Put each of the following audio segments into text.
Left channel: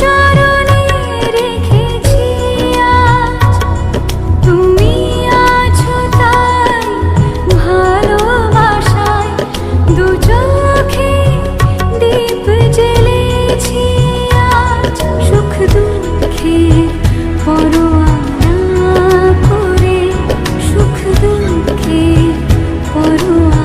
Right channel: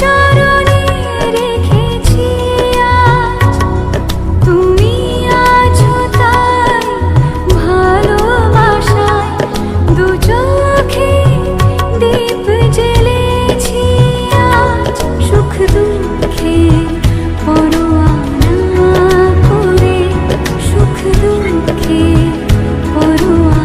চরণে তুমি আছো ভালোবাসায়। সুখ পরোয়ানা করে সুখ দুঃখের পরোয়া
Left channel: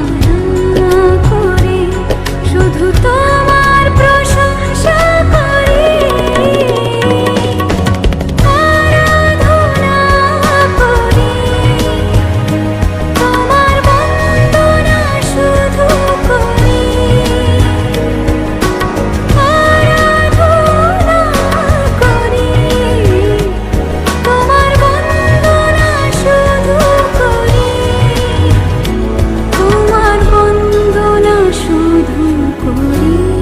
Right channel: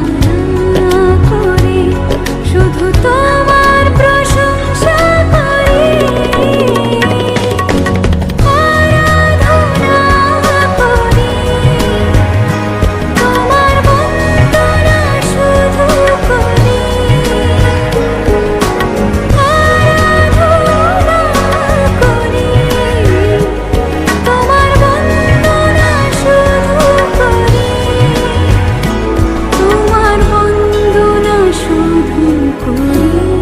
করি